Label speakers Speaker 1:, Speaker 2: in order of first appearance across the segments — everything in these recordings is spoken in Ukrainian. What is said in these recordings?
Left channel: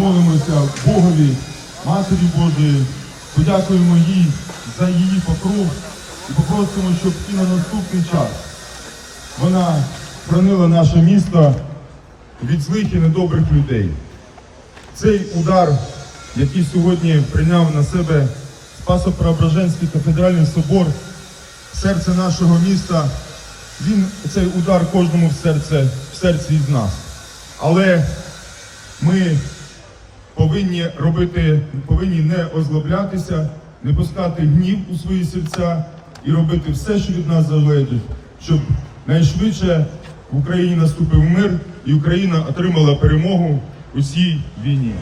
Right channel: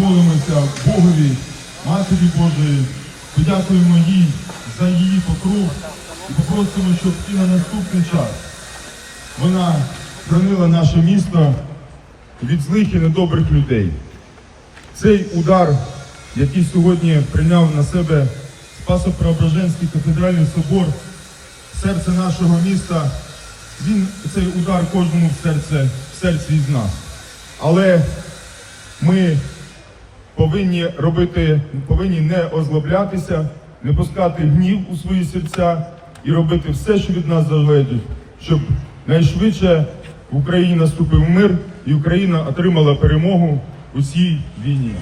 Speaker 1: помолимося Богові, Матері Божої, подякуємо їй за її покров і попросимо, щоб і на наступний час вона хранила наше місто від злих і недобрих людей. Цей удар, який сьогодні прийняв на себе Спасо-Преображенський кафедральний собор, серце нашого міста, він цей удар кожному в серце, в серці із нас. Але ми повинні робити, повинні не озлоблятися, не пускати гнів у свої серця і робити все, що від нас залежить, щоб найшвидше в Україні наступив мир і Україна отримала перемогу у цій війні.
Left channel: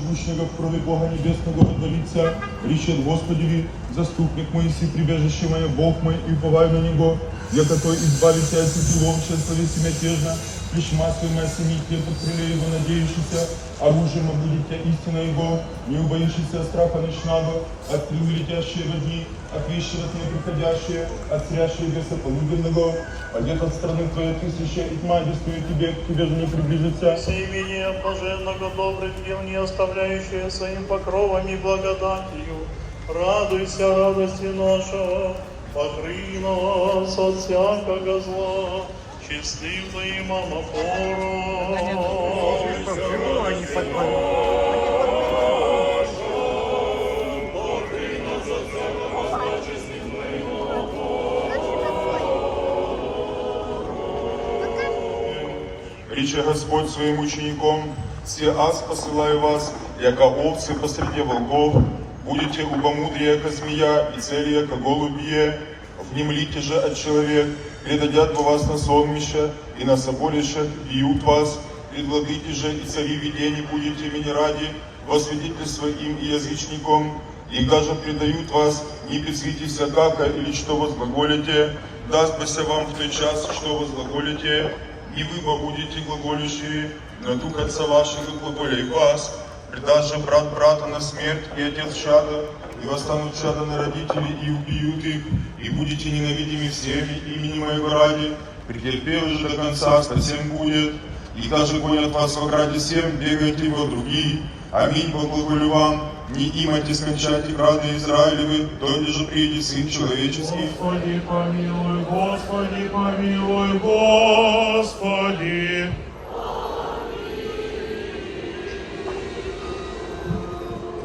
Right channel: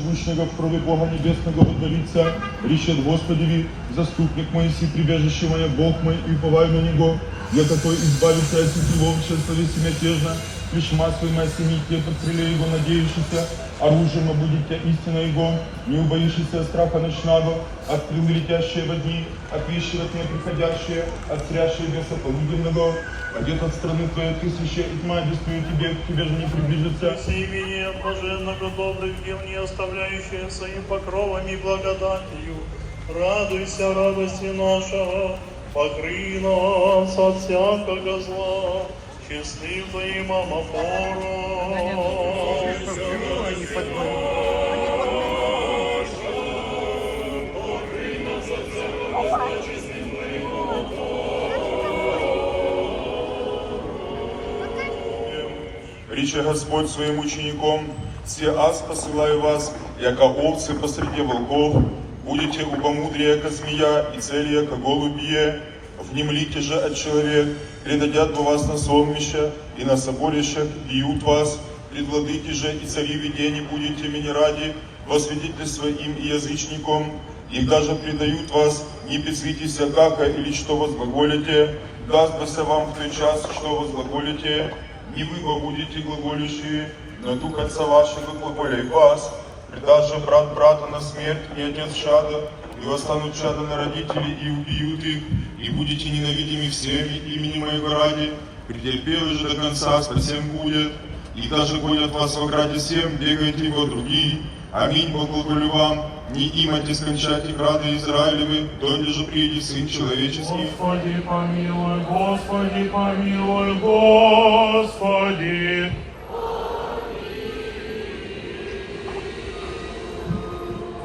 Speaker 1: Вышнего в Бога Небесного водворится, речет Господеви, заступник мой, си прибежище мое, Бог мой, и уповаю на Него, я какой избавится от сети ловча, совести мятежно, лишь масло моя семейке, под крылья его надеющийся, оружием будет тебя истина его, не убоишься страха ночного, от крылья летящие води, от вещи от моей приходящие, от срящие беса полуденного, пойдет от страны твоей тысяча, и тьма бедствует тебе, к тебе же не приближится.
Speaker 2: С именем блаженного добрых дел, не оставляющие своим покровом и благодатью. Радуйся радости нашего, покрый нас от всякого зла, честным твоим амофором.
Speaker 3: Рече Господь своим учеником, все аз посылаю вас, яко овцы посреди волков, будете убомудрее, яко змея, и цели, яко голубье, внемлите же от человек, предадят вас на сонмище, и на соборищах бьют вас, предвладыте же и цари видений будете меня ради, во свидетельство им и язычникам, и даже предают вас, не безвитесь как или что возглаголите, даст вам в той час, что возглаголите, не вы будете глаголющие, но Дух Отца вашего глаголяй вас, же брат брата на смерть и отец чада, и восстанут чада на родителей и убьют их, и будете ненавидимы всеми имени моего ради, претерпели же до конца, совсем будет, и даже гонят вас в ограде всем, бегайте во другие. Аминь, благоголю вам, не имайте скончать их рады Израилевы, дойде же придет Сын Человеческий.
Speaker 2: Господи, помилуй, Господи, помилуй, Господи.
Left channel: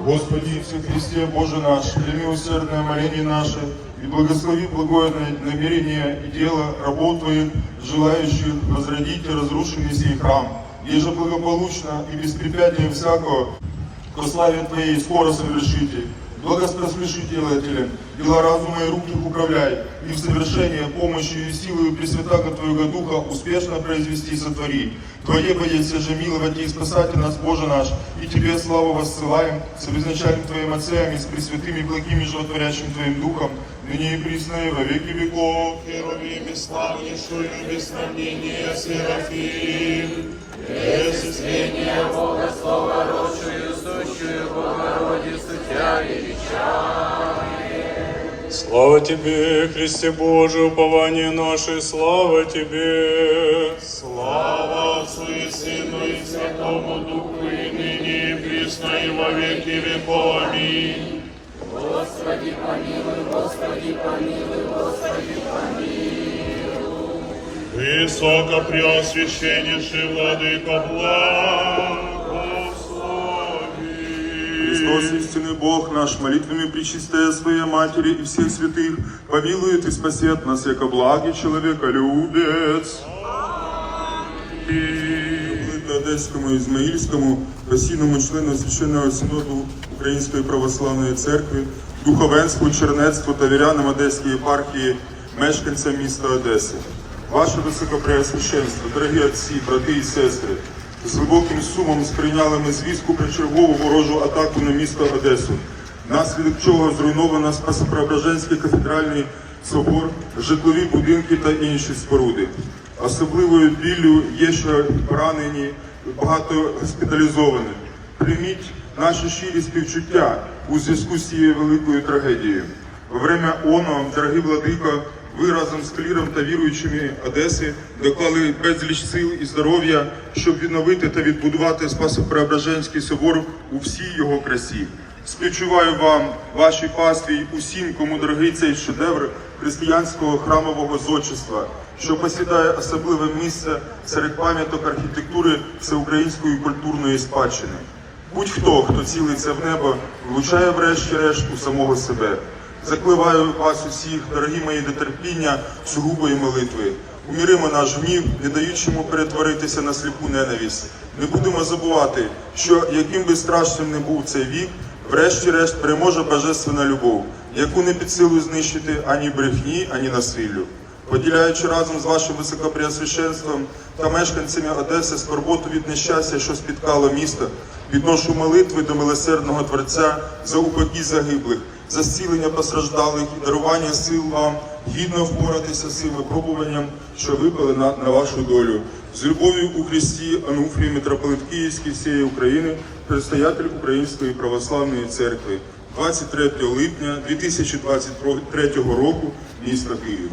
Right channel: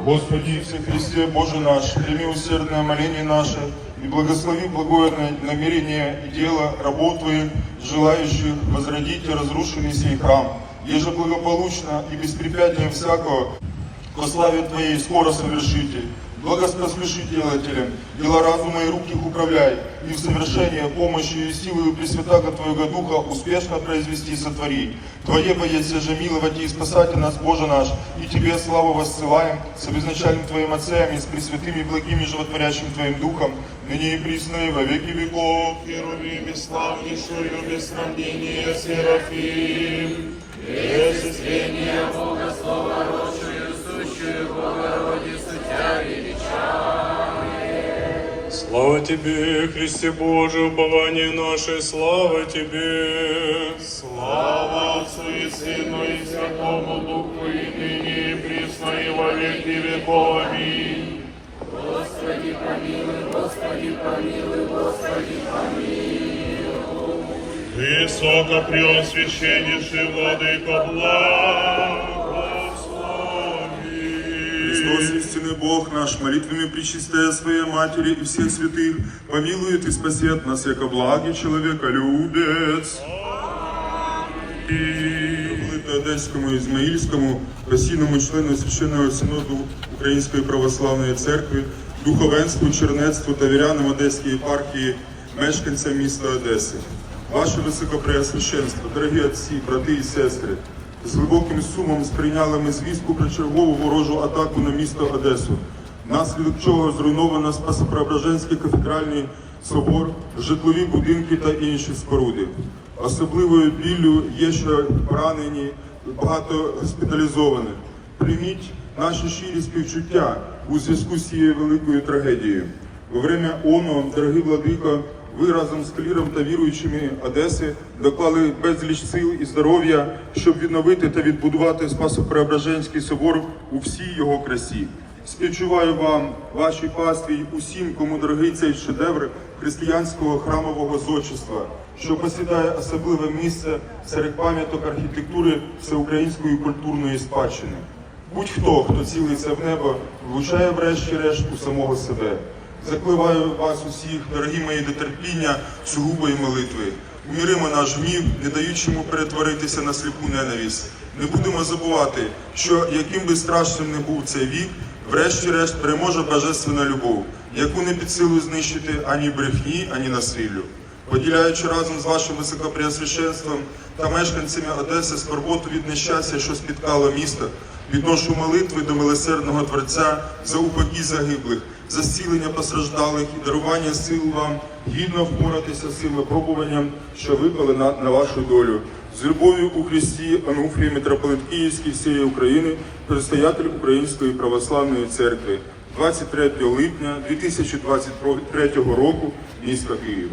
Speaker 3: Господи все Христе, Боже наш, прими усердное моление наше и благослови благое намерение и дело работы, желающих возродить разрушенный сей храм, еже благополучно и без препятствия всякого, по славе Твоей скоро совершите. Благоспослуши делателям, дела разума и рук управляй, и в совершение помощью и силою Пресвятаго Твоего Духа успешно произвести и сотвори. Твое боится же миловать и спасать нас, Боже наш, и Тебе славу воссылаем, с обезначальным Твоим Отцем и с пресвятыми благими животворящим Твоим Духом, ныне и присно и во веки веков.
Speaker 2: Херувим и славнейшую без сравнения Серафим. Пресвящение Бога Слова Рочую, сущую Богородицу Тебя величаем. Слава Тебе, Христе Божий, упование наше, слава Тебе. Слава Отцу и Сыну и Святому Духу, и ныне, и присно, и во веки веков. Аминь. Высокопреосвященнейший Владыка благослови.
Speaker 3: Христос, истинный Бог наш, молитвами причистая Своей Матери и всех святых, помилует и спасет нас, яко благий человека любец. Это Одесскому Измаильскому, просильному члену Священного Синоду Української Православної Церкви, духовенству, чернецтву та вірянам Одеської єпархії, мешканцям міста Одеси. Ваше Високопреосвященство, дорогі отці, брати і сестри, З глибоким сумом сприйняли ми звістку про чергову ворожу атаку на місто Одесу, внаслідок чого зруйновано Спасо-Преображенський кафедральний собор, житлові будинки та інші споруди. Особливою біллю є, що поранені і багато госпіталізованих. Прийміть наші щирі співчуття у зв'язку з цією великою трагедією. Во время оно, дорогий владико, ви разом з кліром та віруючими Одеси доклали безліч сил і здоров'я, щоб відновити та відбудувати Спасо-Преображенський собор у всій його красі. Співчуваю вам, вашій пастві усім, кому дорогий цей шедевр християнського храмового зодчества, що посідає особливе місце серед пам'яток архітектури всеукраїнської культурної спадщини. Будь-хто, хто цілиться в небо, влучає врешті-решт у самого себе. Закливаю вас усіх, дорогі мої до терпіння, сугубої молитви. Уміримо наш гнів, не даючи йому перетворитися на сліпу ненависть. Не будемо забувати, що яким би страшним не був цей вік, врешті-решт переможе божественна любов, яку не під силу знищити ані брехні, ані насиллю. Поділяючи разом з вашим високопреосвященством та мешканцями Одеси скорботу від нещастя, що спіткало місто, відношу молитви до милосердного Творця за упокій загиблих, за постраждалих і дарування сил вам гідно впоратися з цим випробуванням, що випали на, на вашу долю. З любов'ю у Христі Ануфрій, митрополит Київський всієї України, предстоятель Української православної церкви. 23 липня 2023 року, місто Київ.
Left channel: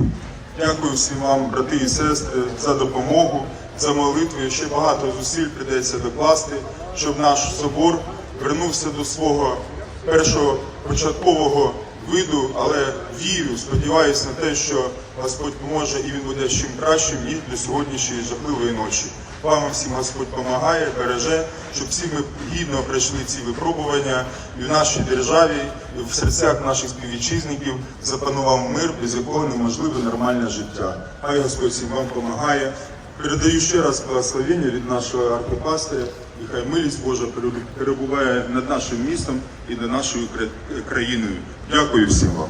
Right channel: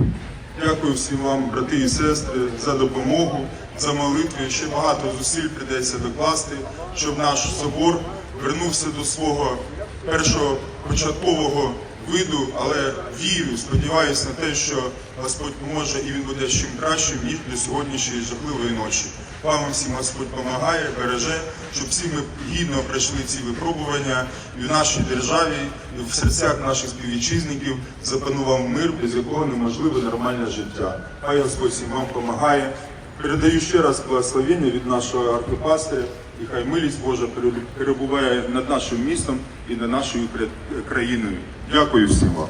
Speaker 3: Дякую всім вам, брати і сестри, за допомогу, за молитви. Ще багато зусиль прийдеться докласти, щоб наш собор вернувся до свого першого початкового виду, але вірю, сподіваюся на те, що Господь поможе і він буде чим кращим, ніж для сьогоднішньої жахливої ночі. Вам всім Господь допомагає, береже, щоб всі ми гідно пройшли ці випробування і в нашій державі, і в серцях наших співвітчизників запанував мир, без якого неможливе нормальне життя. Хай Господь всім вам допомагає. Передаю ще раз благословення від нашого архипастиря, і хай милість Божа перебуває над нашим містом і над нашою кра- країною. Дякую всім вам.